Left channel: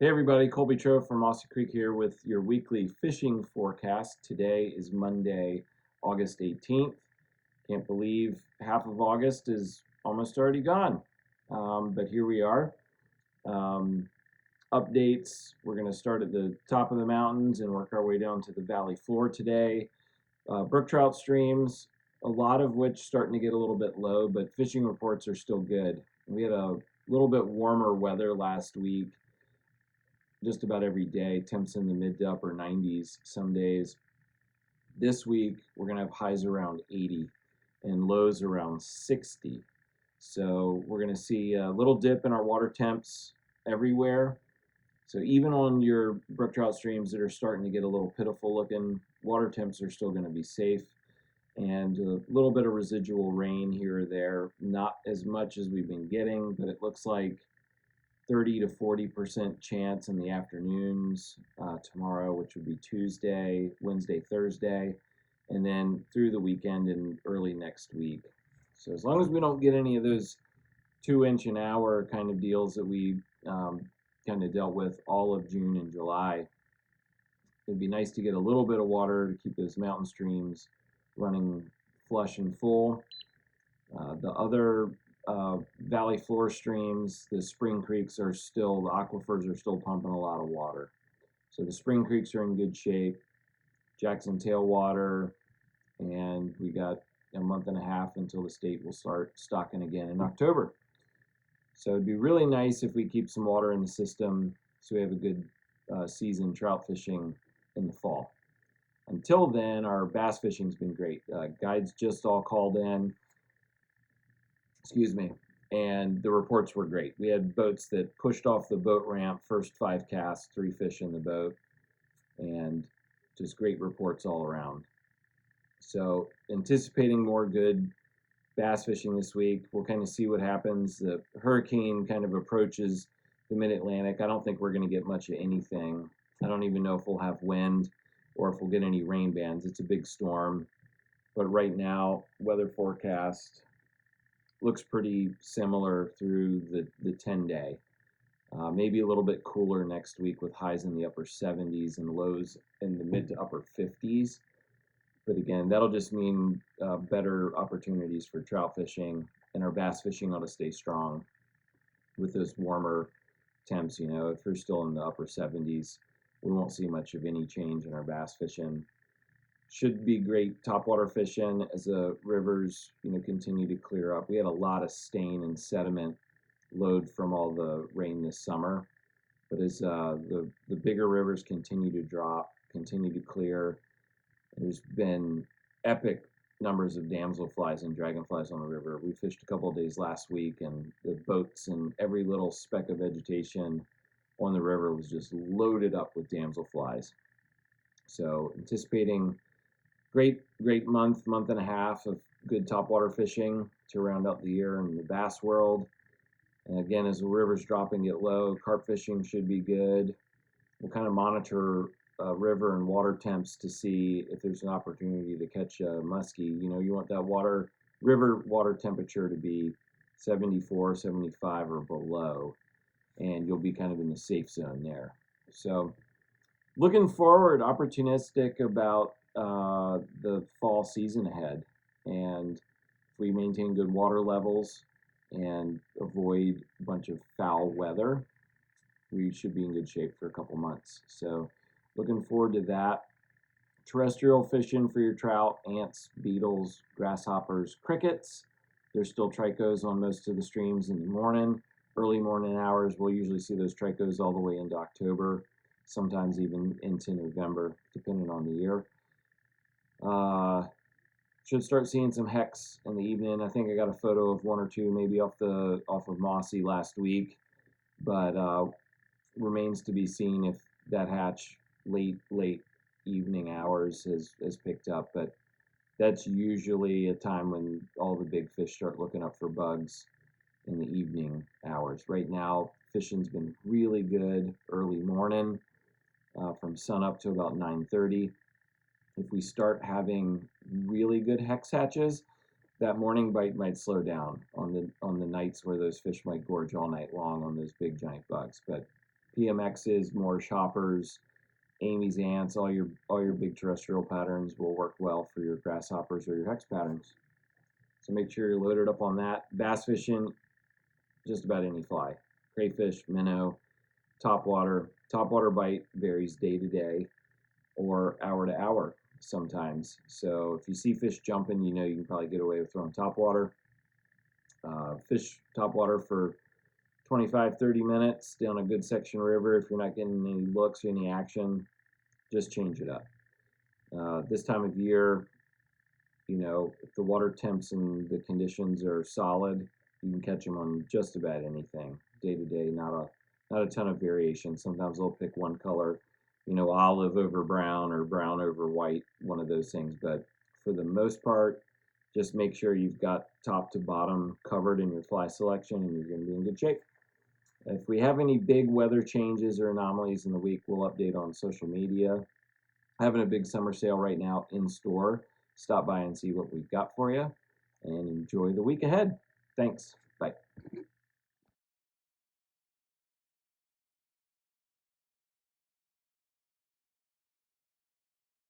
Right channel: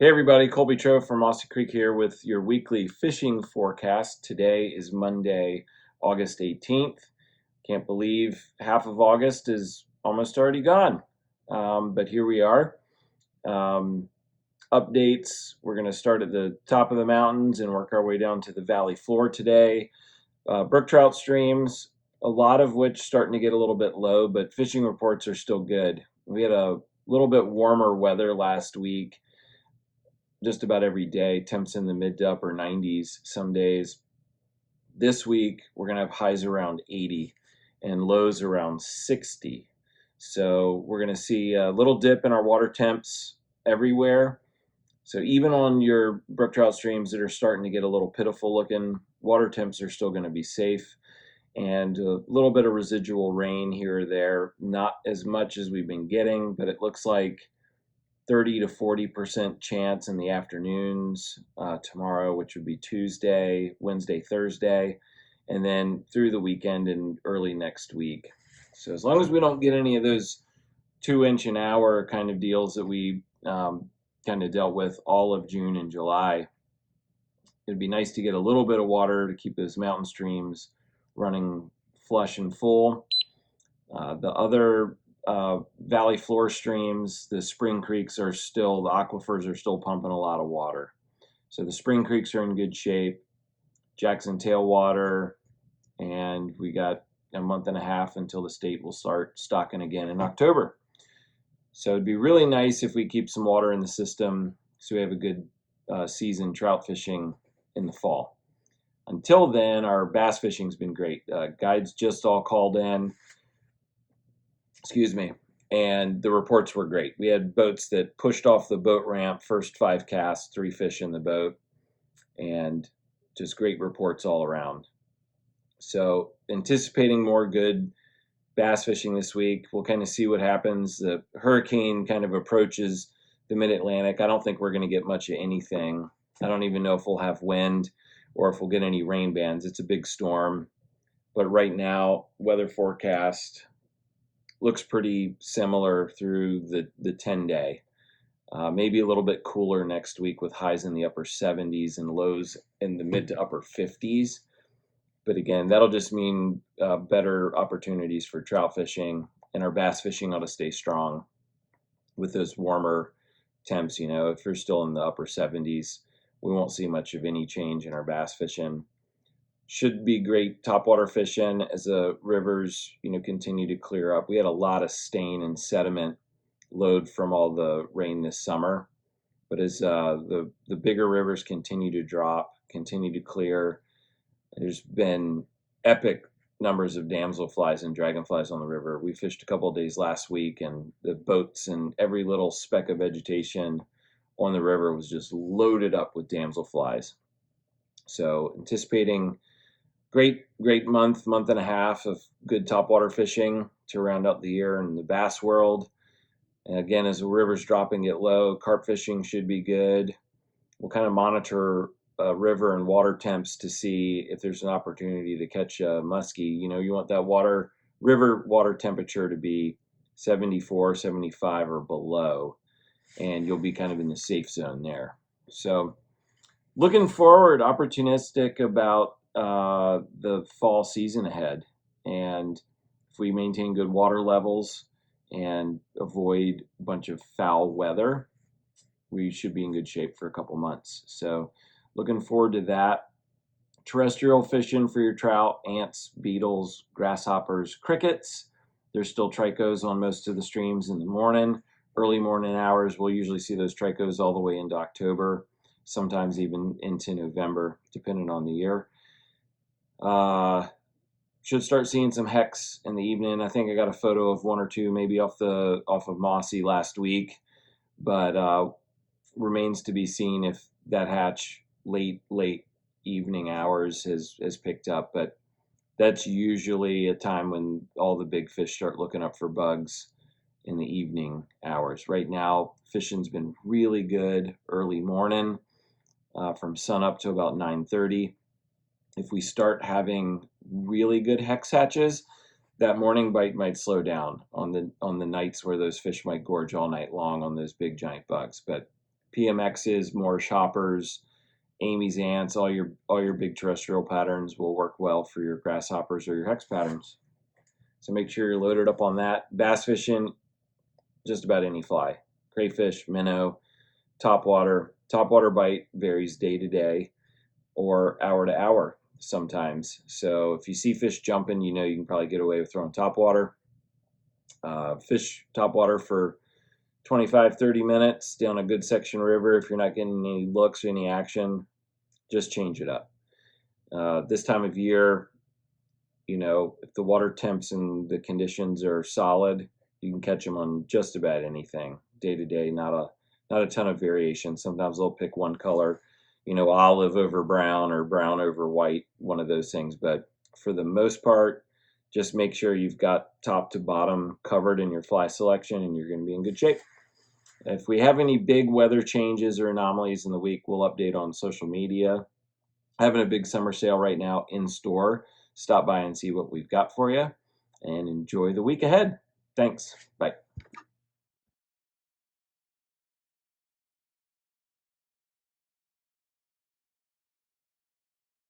Hey everybody, Colby Trout from Mossy Creek here with your weekly fishing forecast. Today is Monday, August 18th. Can't believe half of August is almost already gone. But here we are. Um, Updates, we're going to start at the top of the mountains and work our way down to the valley floor today. Brook trout streams, a lot of which starting to get a little bit low, but fishing reports are still good. We had a little bit warmer weather last week, just about every day. Temps in the mid to upper 90s some days. This week, we're going to have highs around 80 and lows around 60. So we're going to see a little dip in our water temps everywhere. So even on your brook trout streams that are starting to get a little pitiful looking, water temps are still going to be safe. And a little bit of residual rain here or there, not as much as we've been getting, but it looks like 30 to 40% chance in the afternoons tomorrow, which would be Tuesday, Wednesday, Thursday, and then through the weekend and early next week. So as long as we don't get any of those 2 inch an hour kind of deals that we kind of dealt with all of June and July, it'd be nice to get a little bit of water to keep those mountain streams running flush and full. The other valley floor streams, the spring creeks the aquifers are still pumping a lot of water. So the spring creeks are in good shape. Jackson tailwater, and we got a month and a half until the state will start stocking again in October. So it'd be really nice if we keep some water in the system so we have a good season trout fishing in the fall. Until then, our bass fishing's been great. Guides just all called in. And the reports were great. We had boats that pushed off the boat ramp, first 5 casts, 3 fish in the boat, and just great reports all around. So anticipating more good bass fishing this week. We'll kind of see what happens. The hurricane kind of approaches the mid-Atlantic. I don't think we're going to get much of anything. I don't even know if we'll have wind or if we'll get any rain bands. It's a big storm. But right now, weather forecast looks pretty similar through the 10-day. Maybe a little bit cooler next week with highs in the upper 70s and lows in the mid to upper 50s. But again, that'll just mean better opportunities for trout fishing, and our bass fishing ought to stay strong with those warmer temps. If you're still in the upper 70s, we won't see much of any change in our bass fishing. Should be great topwater fishing as the rivers, continue to clear up. We had a lot of stain and sediment load from all the rain this summer, but as the bigger rivers continue to drop, continue to clear, there's been epic numbers of damselflies and dragonflies on the river. We fished a couple of days last week, and the boats and every little speck of vegetation on the river was just loaded up with damselflies. So anticipating great month and a half of good topwater fishing to round out the year in the bass world. And again, as the river's dropping it low, carp fishing should be good. We'll kind of monitor river and water temps to see if there's an opportunity to catch a musky. You want that river water temperature to be 74, 75 or below, and you'll be kind of in the safe zone there. So looking forward, opportunistic about the fall season ahead, and if we maintain good water levels and avoid a bunch of foul weather, we should be in good shape for a couple months. So looking forward to that. Terrestrial fishing for your trout, ants, beetles, grasshoppers, crickets. There's still trichos on most of the streams in the morning. Early morning hours, we'll usually see those trichos all the way into October, sometimes even into November, depending on the year. Should start seeing some hex in the evening. I think I got a photo of 1 or 2 maybe off of Mossy last week, but remains to be seen if that hatch late evening hours has picked up. But that's usually a time when all the big fish start looking up for bugs in the evening hours. Right now, fishing's been really good early morning, from sun up to about 9:30. If we start having really good hex hatches, that morning bite might slow down on the nights where those fish might gorge all night long on those big giant bugs. But PMXs, more shoppers, Amy's ants, all your big terrestrial patterns will work well for your grasshoppers or your hex patterns. So make sure you're loaded up on that. Bass fishing, just about any fly. Crayfish, minnow, topwater. Topwater bite varies day to day or hour to hour sometimes. So if you see fish jumping, you know you can probably get away with throwing topwater. Fish topwater for 25-30 minutes down a good section river. If you're not getting any looks or any action, just change it up. This time of year, you know, if the water temps and the conditions are solid, you can catch them on just about anything day to day. Not a ton of variation. Sometimes they'll pick one color, you know, olive over brown or brown over white, one of those things. But for the most part, just make sure you've got top to bottom covered in your fly selection, and you're going to be in good shape. If we have any big weather changes or anomalies in the week, we'll update on social media. Having a big summer sale right now in store. Stop by and see what we've got for you, and enjoy the week ahead. Thanks. Bye.